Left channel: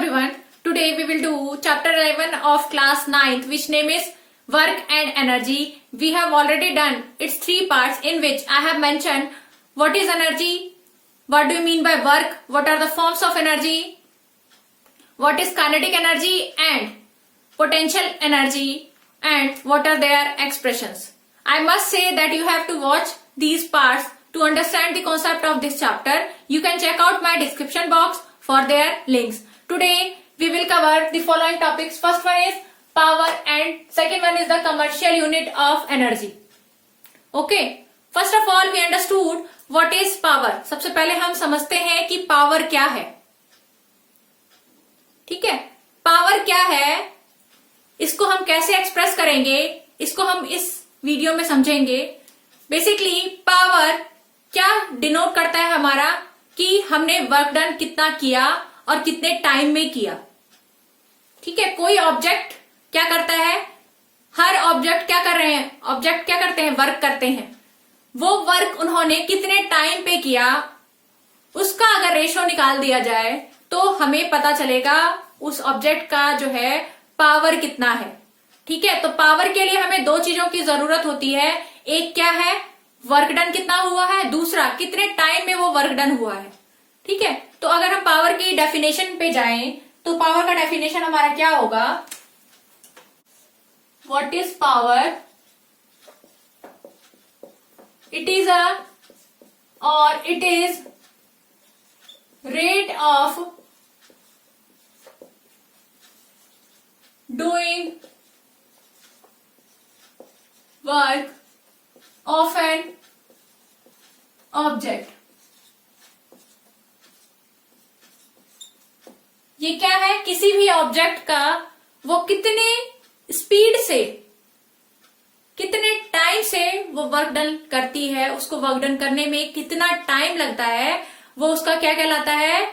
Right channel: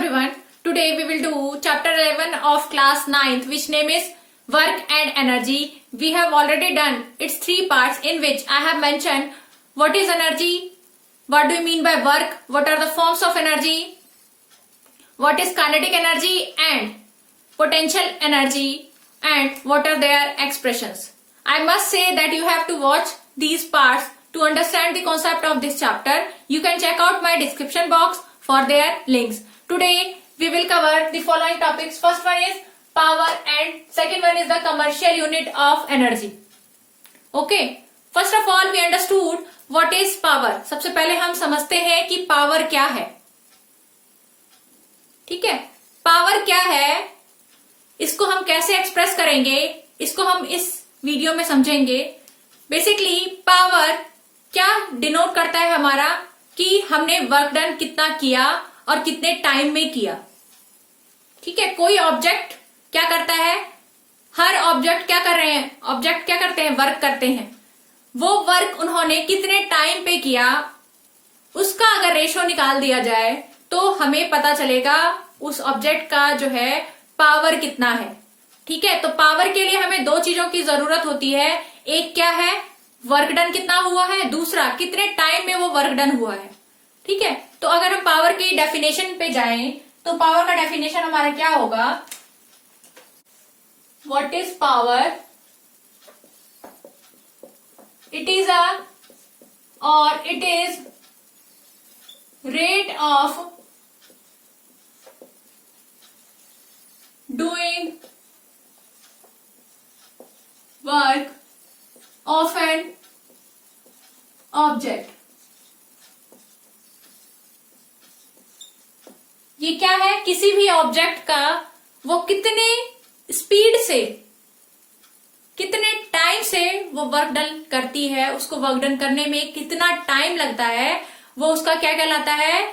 everyone. Today we will do chapter 11 of class 9th, which name is Work and Energy. We have already done its 3 parts, in which I have mentioned what is energy, what do you mean by work, what are the forms of energy, what is kinetic energy and potential energy, and what are their expressions. I must say that you have to watch these parts to understand the concept of this chapter. You can check out my description box for their links. Today we will cover the following topics. First one is power and second one is the commercial unit of energy. Okay. First of all we understood what is power. सबसे पहले हम समझते हैं कि power क्या है. ठीक है. पावर क्या है, इसको हम कैसे एक्सप्रेस करेंगे, इसको हम इस वीडियो में समझेंगे. बेसिकली पावर क्या डिनोट करता है हमारा कि हमने वर्क डन कितना किया और कितने टाइम में किया. ठीक है. कोई ऑब्जेक्ट क्या करता है, हर ऑब्जेक्ट क्या कर रहे हैं, ऑब्जेक्ट क्या करते हैं, वर्क करते हैं. वो वर्क उन्होंने कितने टाइम पे किया, उसका अगर रेशो निकाल दिया जाए तो हमें पता चलेगा उस ऑब्जेक्ट का जो है पावर कितना है. ठीक है. तो पावर के लिए हमें 2 चीजों की जरूरत होती है. एक क्या है, वर्क डन कितना हुआ है, दूसरा कितने टाइम में वो वर्क डन हुआ है. ठीक है. तो अगर हम पावर की डेफिनेशन पे जाएं तो पावर का डेफिनेशन हमारा क्या होगा. What is power, it is rate of doing work of an object. ये क्या है, किसी भी ऑब्जेक्ट का वो कितने स्पीड से, कितने टाइम से वो वर्क डन करती है, उसको वर्क डन करने में कितना टाइम लगता है, वो उसका क्या कहलाता है,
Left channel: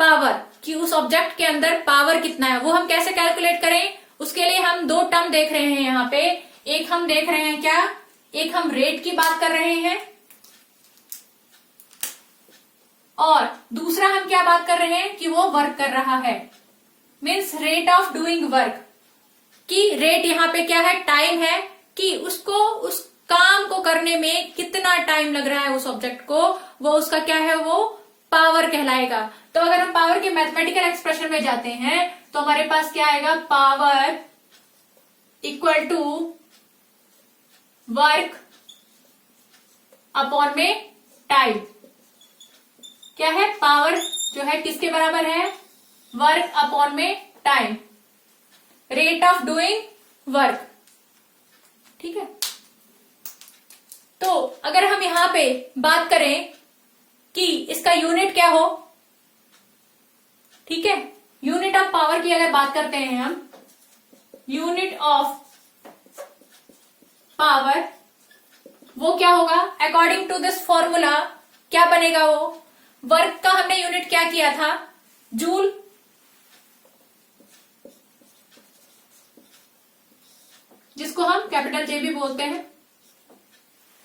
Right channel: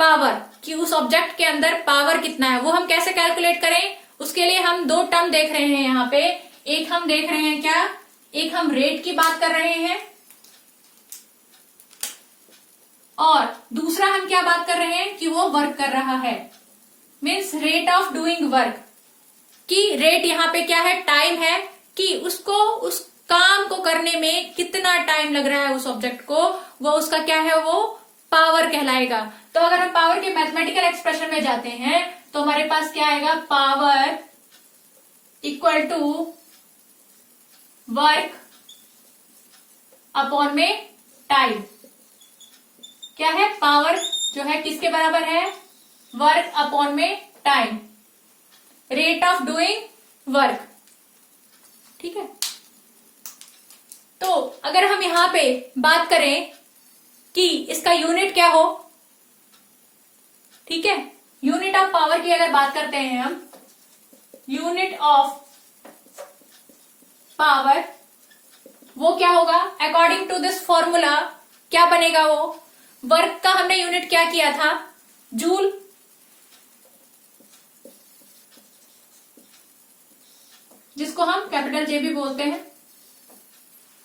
पावर. कि उस ऑब्जेक्ट के अंदर पावर कितना है. वो हम कैसे कैलकुलेट करें, उसके लिए हम 2 टर्म देख रहे हैं यहाँ पे. एक हम देख रहे हैं क्या, एक हम रेट की बात कर रहे हैं और दूसरा हम क्या बात कर रहे हैं कि वो वर्क कर रहा है. Means rate of doing work. कि रेट यहाँ पे क्या है, टाइम है, कि उसको उस काम को करने में कितना टाइम लग रहा है उस ऑब्जेक्ट को, वो उसका क्या है, वो पावर कहलाएगा. तो अगर हम पावर के मैथमेटिकल एक्सप्रेशन में जाते हैं तो हमारे पास क्या आएगा, power equal to work upon में टाइम. क्या है, पावर जो है किसके बराबर है, वर्क अपॉन में time, rate of doing work. ठीक है. तो अगर हम यहां पे बात करें कि इसका यूनिट क्या हो, ठीक है, यूनिट ऑफ पावर की अगर बात करते हैं हम, यूनिट ऑफ पावर वो क्या होगा, अकॉर्डिंग टू दिस फॉर्मूला क्या बनेगा, वो वर्क का हमने यूनिट क्या किया था, जूल. जिसको हम कैपिटल जे भी बोलते हैं.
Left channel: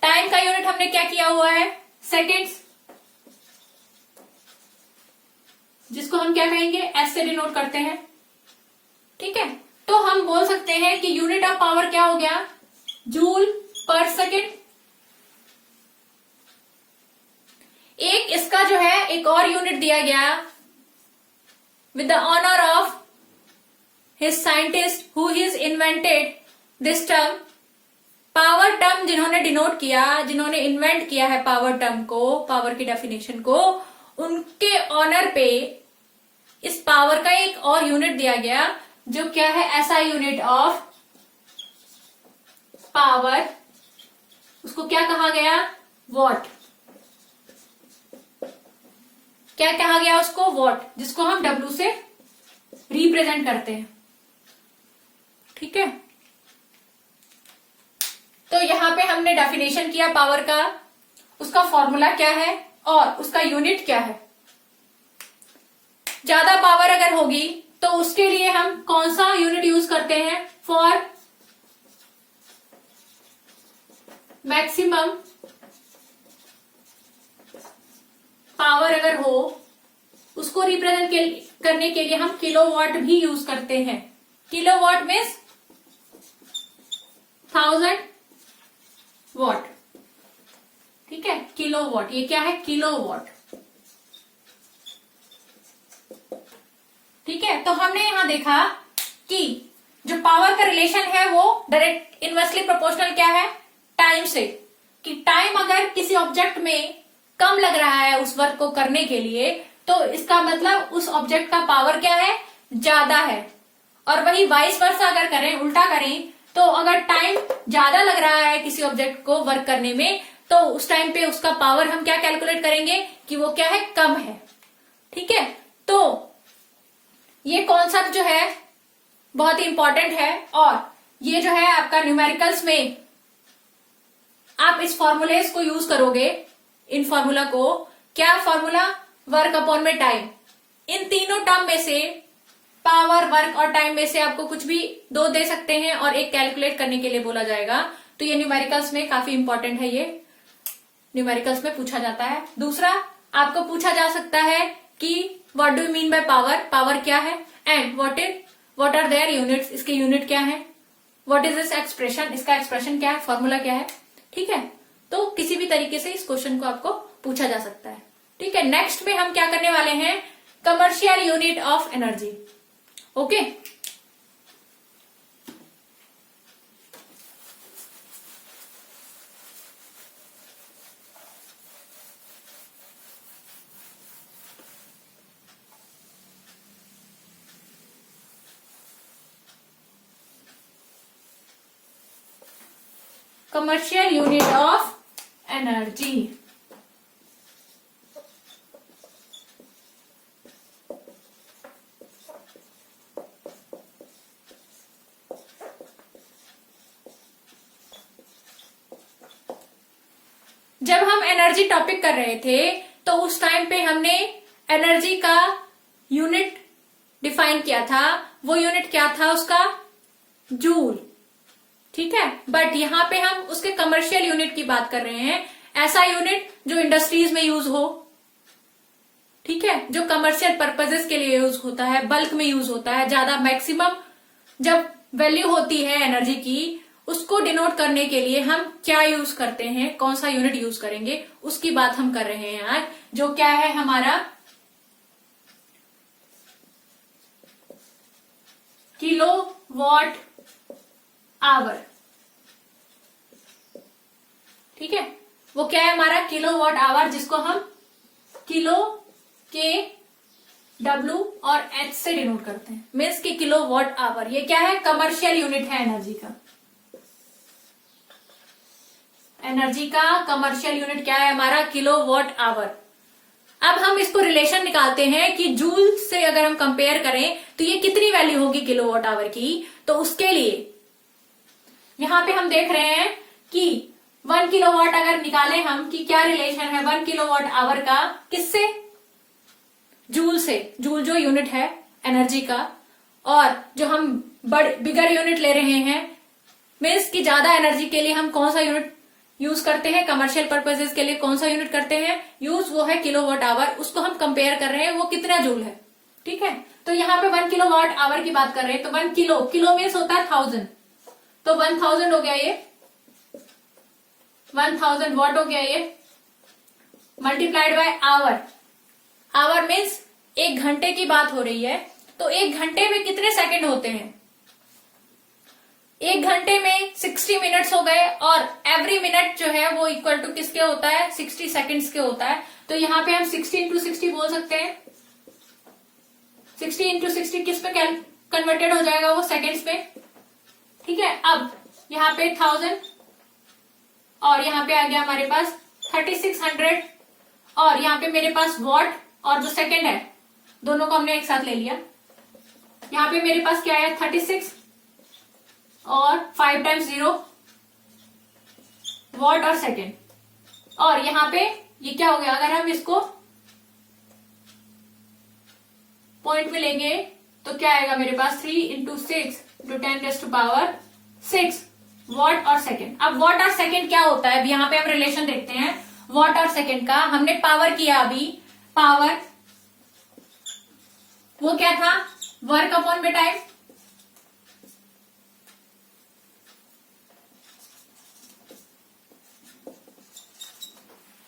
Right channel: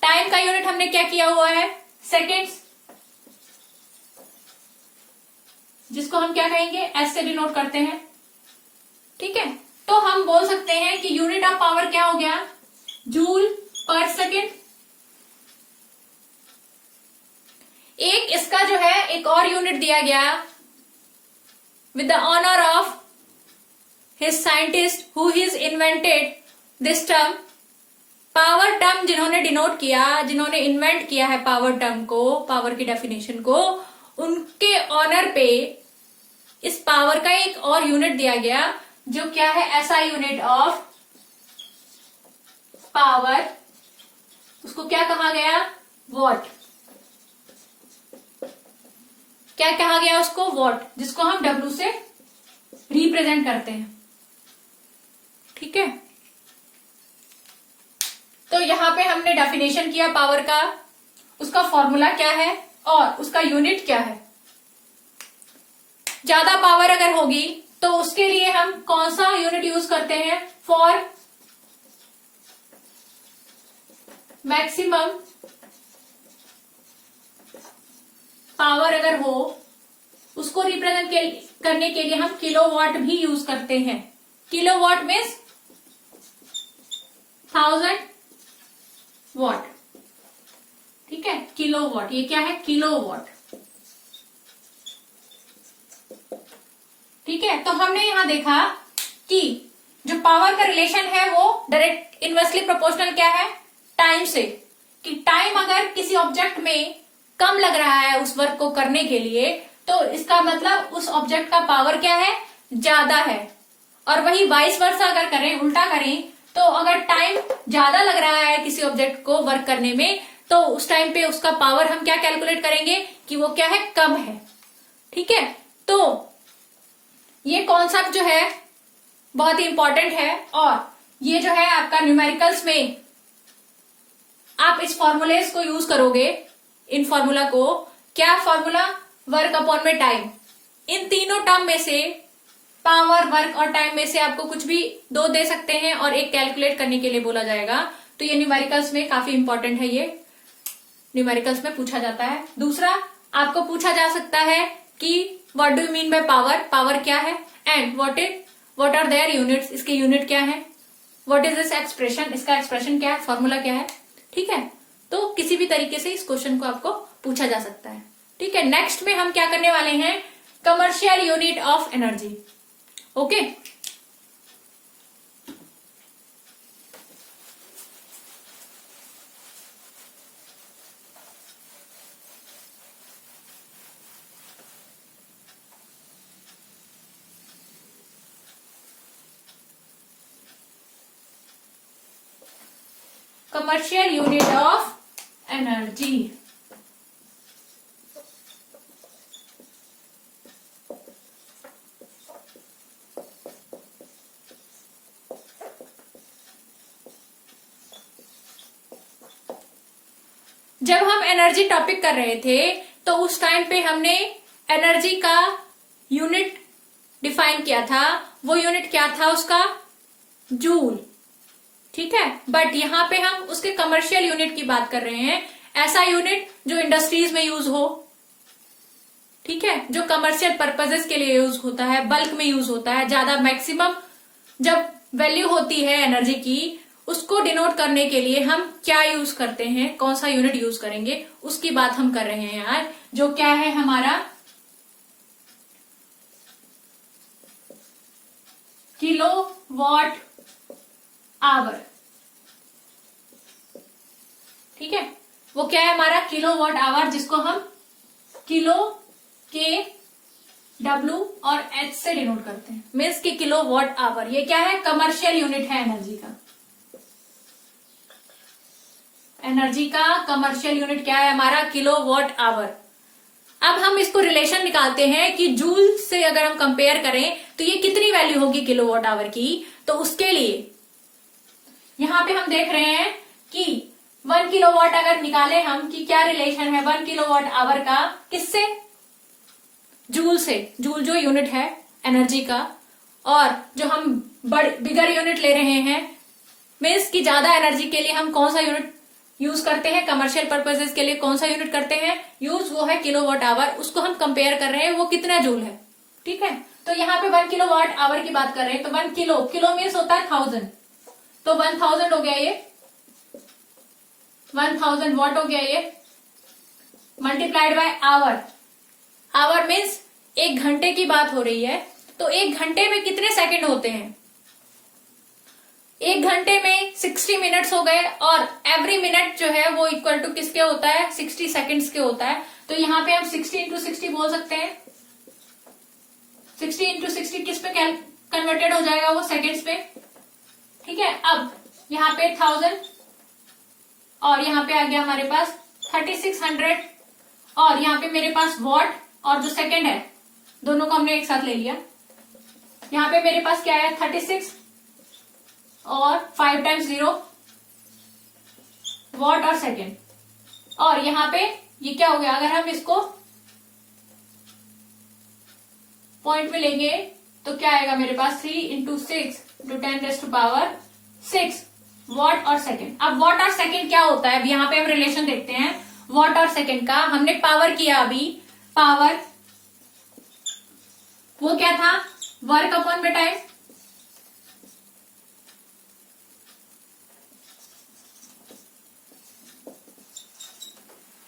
टाइम का यूनिट हमने क्या किया हुआ है, सेकेंड्स, जिसको हम क्या कहेंगे, एस से डिनोट करते हैं. ठीक है. तो हम बोल सकते हैं कि यूनिट ऑफ पावर क्या हो गया, जूल पर सेकेंड. एक इसका जो है एक और यूनिट दिया गया with the honour of his scientist who his invented this term. Power term जिन्होंने डिनोट किया, जिन्होंने इन्वेंट किया है पावर टर्म को, पावर की डेफिनेशन को, उनके ऑनर पे इस पावर का एक और यूनिट दिया गया जो क्या है, ऐसा यूनिट ऑफ पावर. उसको क्या कहा गया, वॉट. क्या कहा गया उसको, वॉट, जिसको हम डब्ल्यू से रिप्रेजेंट करते हैं. ठीक है. तो यहां पे हमने डेफिनेशन किया पावर का, उसका फॉर्मूला क्या है और उसका यूनिट क्या है. ज्यादा पावर अगर होगी तो उसके लिए हम कौन सा यूनिट यूज करते हैं, फॉर मैक्सिमम पावर अगर हो उसको रिप्रेजेंट करने के लिए हम किलोवाट भी यूज करते हैं। किलोवाट मीन्स 1000 वॉट, ठीक है। किलोवाट, ये क्या है? किलोवाट, ठीक है। तो हमने यहां देखा कि जो पावर का रिलेशन है वो डायरेक्ट इनवर्सली प्रोपोर्शनल क्या है? टाइम से, कि टाइम अगर किसी ऑब्जेक्ट में कम लग रहा है उस वर्क को करने के लिए, तो इसका मतलब उस ऑब्जेक्ट का पावर क्या है? ज्यादा है। और वही वाइस वर्सा अगर करें, उल्टा करें, तो अगर टाइम ज्यादा लग रहा है किसी ऑब्जेक्ट को वर्क करने में, तो उस टाइम पे उसका पावर हम क्या कैलकुलेट करेंगे कि वो क्या है? कम है, ठीक है। तो ये कॉन्सेप्ट जो है बहुत ही इंपॉर्टेंट है, और ये जो है आपका न्यूमेरिकल्स में आप इस फॉर्मूलेस को यूज करोगे, इन फॉर्मूला को। क्या फॉर्मूला? वर्क अपॉन में टाइम। इन तीनों टर्म में से, पावर, वर्क और टाइम में से आपको कुछ भी दो दे सकते हैं और एक कैलकुलेट करने के लिए बोला जाएगा। तो ये न्यूमेरिकल्स में काफी इंपॉर्टेंट है, ये न्यूमेरिकल्स में पूछा जाता है। दूसरा, आपको पूछा जा सकता है कि what do you mean by power? Power क्या है? And what are their units? इसके यूनिट क्या है? What is this expression? इसका एक्सप्रेशन क्या है? फॉर्मूला क्या है? ठीक है। तो किसी भी तरीके से इस क्वेश्चन को आपको पूछा जा सकता है, ठीक है। नेक्स्ट में हम क्या करने वाले हैं? Commercial unit of energy. Okay, commercial unit of energy. जब हम एनर्जी टॉपिक कर रहे थे तो उस टाइम पे हमने एनर्जी का यूनिट डिफाइन किया था। वो यूनिट क्या था उसका? जूल, ठीक है। बट यहां पे हम उसके कमर्शियल यूनिट की बात कर रहे हैं, ऐसा यूनिट जो इंडस्ट्रीज में यूज हो, ठीक है, जो कमर्शियल पर्पजेस के लिए यूज होता है, बल्क में यूज होता है, ज्यादा मैक्सिमम जब वैल्यू होती है एनर्जी की, उसको डिनोट करने के लिए हम क्या यूज करते हैं, कौन सा यूनिट यूज करेंगे, उसकी बात हम कर रहे हैं यार। जो क्या है हमारा? किलो वॉट आवर, ठीक है। वो क्या है हमारा? किलो वॉट आवर, जिसको हम किलो के डब्ल्यू और एच से डिनोट करते हैं, मीन्स की किलो वॉट आवर। ये क्या है? कमर्शियल यूनिट है एनर्जी का। एनर्जी का कमर्शियल यूनिट क्या है हमारा? Kilowatt hour. अब हम इसको रिलेशन निकालते हैं कि जूल से अगर हम कंपेयर करें तो ये कितनी वैल्यू होगी किलो वॉट आवर की। तो उसके लिए यहां पे हम देख रहे हैं कि 1 किलोवाट अगर निकाले हम कि क्या रिलेशन है 1 किलोवाट आवर का किससे? जूल से। जूल जो यूनिट है एनर्जी का, और जो हम बिगर यूनिट ले रहे हैं, मीन्स की ज्यादा एनर्जी के लिए हम कौन सा यूनिट यूज करते हैं, कमर्शियल पर्पसेस के लिए कौन सा यूनिट करते हैं यूज, वो है किलोवाट आवर। उसको हम कंपेयर कर रहे हैं वो कितना जूल है, ठीक है। तो यहाँ पे 1 किलोवाट आवर की बात कर रहे हैं, तो 1 किलो, किलो मीन्स होता है 1000, तो 1000 हो गया ये, 1000 वॉट हो गया ये, multiplied by hour. Hour means 1 घंटे की बात हो रही है, तो 1 घंटे में कितने सेकंड होते हैं? 1 घंटे में 60 मिनट्स हो गए, और एवरी मिनट जो है वो इक्वल टू किसके होता है? 60 सेकंड्स के होता है। तो यहाँ पे हम 60 इंटू 60 बोल सकते हैं। 60 इंटू 60 किस पे कन्वर्टेड हो जाएगा? वो सेकंड्स पे, ठीक है। अब यहाँ पे 1000 और यहाँ पे आ गया हमारे पास 3600, और यहाँ पे मेरे पास वॉट और जो सेकंड है दोनों को हमने एक साथ ले लिया। यहाँ पे मेरे पास क्या है? 36 और 5 टाइम्स 0 वॉट और सेकंड, और यहाँ पे ये क्या हो गया? अगर हम इसको पॉइंट में लेंगे तो क्या आएगा मेरे पास? 3 इंटू 6 इंटू 10⁻6 वॉट और सेकंड। अब वॉट और सेकंड क्या होता है? अब यहाँ पे हम रिलेशन देखते हैं वॉट और सेकंड का। हमने पावर किया अभी, पावर वो क्या था, वर्क अपॉन में टाइम।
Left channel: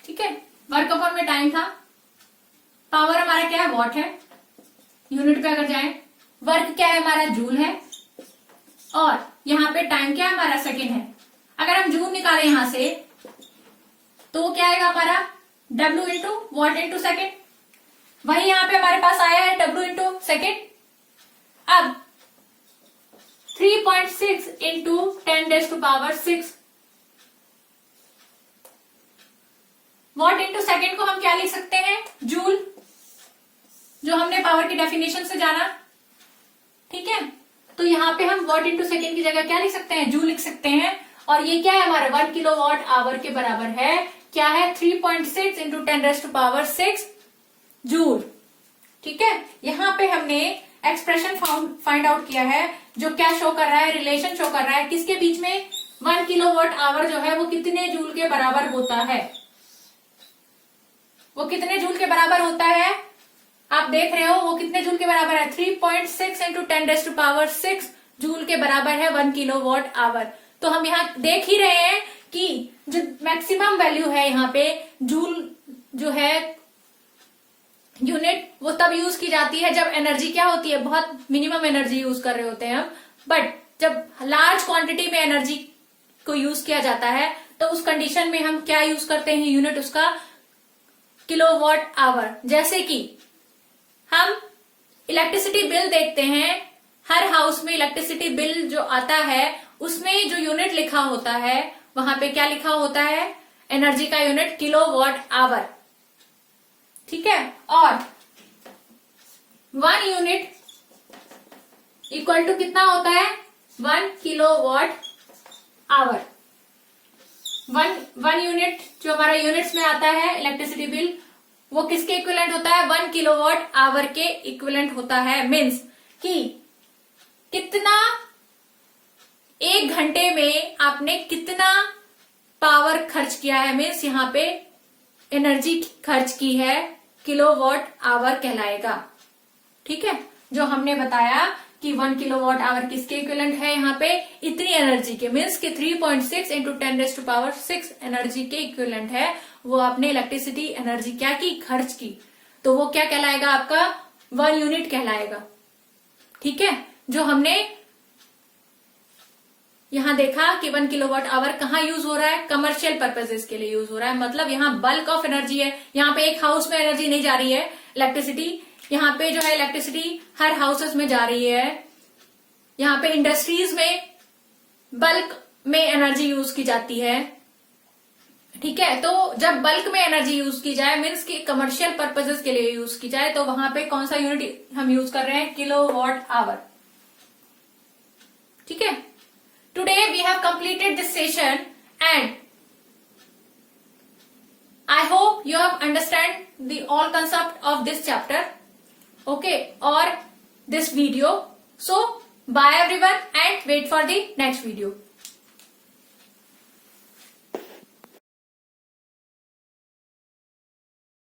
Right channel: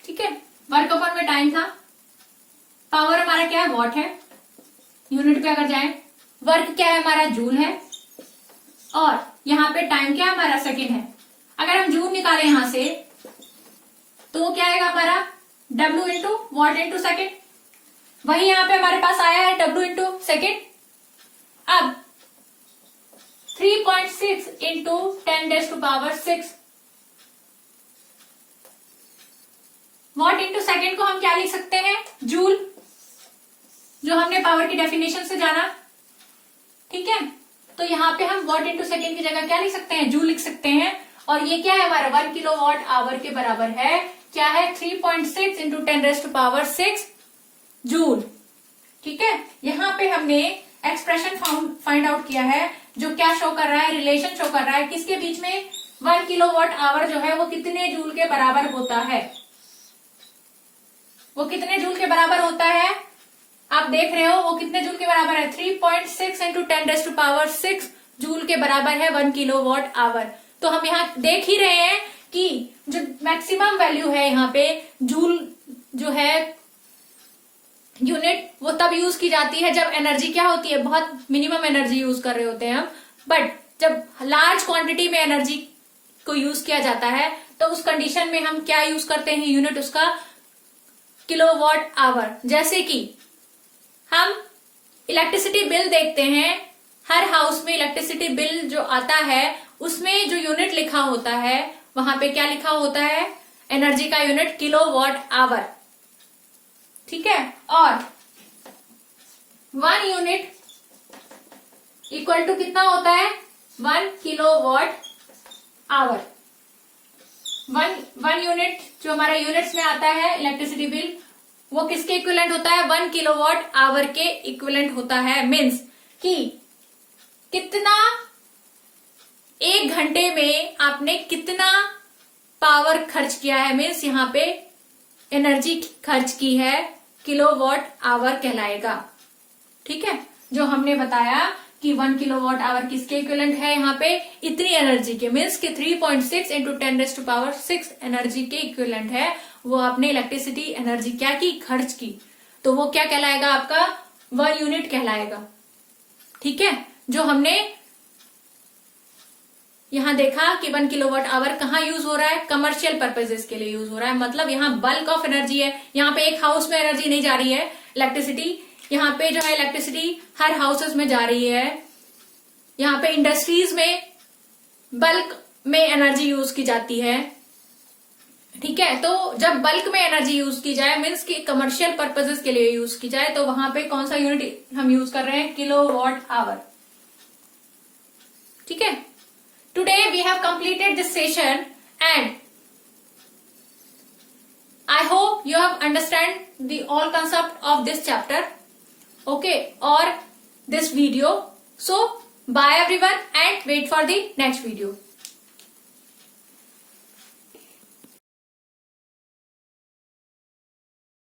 ठीक है, वर्क अपॉन में टाइम था। पावर हमारा क्या है, वॉट है। यूनिट पे अगर जाए, वर्क क्या है हमारा, जूल है, और यहाँ पे टाइम क्या है हमारा, सेकेंड है। अगर हम जूल निकालें यहां से तो वो क्या आएगा हमारा, W into what into second. वही यहां पे हमारे पास आया है W इंटू सेकेंड। अब 3.6 इंटू 10⁻⁶ वॉट इंटू सेकेंड को हम क्या लिख सकते हैं, जूल, जो हमने पावर की डेफिनेशन से जाना। ठीक है, तो यहाँ पे हम वॉट इंटू सेकेंड की जगह क्या लिख सकते हैं, जूल लिख सकते हैं। और ये क्या है हमारा 1 किलोवाट आवर के बराबर है, क्या है 3.6 इंटू 10⁻⁶ जूल। ठीक है, यहाँ पे हमने एक्सप्रेशन फाइंड आउट किया है, जो क्या शो कर रहा है, रिलेशन शो कर रहा है किसके बीच में, 1 किलोवाट आवर जो है वो कितने जूल के बराबर होता है। वो कितने जूल के बराबर होता है, आप देख रहे हो, वो कितने जूल के बराबर है, 3.6 इंटू 10⁻⁶ जूल के बराबर है 1 किलोवाट आवर। तो हम यहाँ देख ही रहे हैं कि जो मैक्सिमम वैल्यू है यहाँ पे, जूल जो है यूनिट, वो तब यूज की जाती है जब एनर्जी क्या होती है, बहुत मिनिमम एनर्जी यूज कर रहे होते हैं हम। बट जब लार्ज क्वांटिटी में एनर्जी को यूज किया जाता है तो उस कंडीशन में हम क्या यूज करते हैं, यूनिट उसका किलोवाट आवर। जैसे कि हम इलेक्ट्रिसिटी बिल देखते हैं, हर हाउस में इलेक्ट्रिसिटी बिल जो आता है उसमें जो यूनिट लिखा होता है वहां पे क्या लिखा होता है, एनर्जी का यूनिट किलोवाट आवर। ठीक है, और 1 यूनिट इक्वल टू कितना होता है, 1 किलोवाट आवर। 1 यूनिट जो हमारा यूनिट्स में आता है इलेक्ट्रिसिटी बिल, वो किसके इक्विवेलेंट होता है, 1 किलोवाट आवर के इक्विवेलेंट होता है। मीन्स कि कितना, 1 घंटे में आपने कितना पावर खर्च किया है, मीन्स यहाँ पे एनर्जी खर्च की है, किलोवाट आवर कहलाएगा। ठीक है, जो हमने बताया कि 1 किलोवाट आवर किसके इक्विवेलेंट है, यहाँ पे इतनी एनर्जी के, मीन्स कि 3.6 इंटू 10⁻⁶ एनर्जी के इक्विवेलेंट है। वो आपने इलेक्ट्रिसिटी एनर्जी क्या की, खर्च की, तो वो क्या कहलाएगा आपका, 1 यूनिट कहलाएगा। ठीक है, जो हमने यहां देखा कि 1 किलोवाट आवर कहाँ यूज हो रहा है, कमर्शियल पर्पजेस के लिए यूज हो रहा है। मतलब यहाँ बल्क ऑफ एनर्जी है, यहाँ पे एक हाउस में एनर्जी नहीं जा रही है इलेक्ट्रिसिटी, यहाँ पे जो है इलेक्ट्रिसिटी हर हाउसेस में जा रही है। यहाँ पे इंडस्ट्रीज में बल्क में एनर्जी यूज की जाती है। ठीक है, तो जब बल्क में एनर्जी यूज की जाए, मीन्स कि कमर्शियल पर्पजेस के लिए यूज की जाए, तो वहां पे कौन सा यूनिट हम यूज कर रहे हैं, किलोवाट आवर। ठीक है, today we have completed this session and I hope you have understand the all concept of this chapter, okay, और this video. So bye everyone and wait for the next video.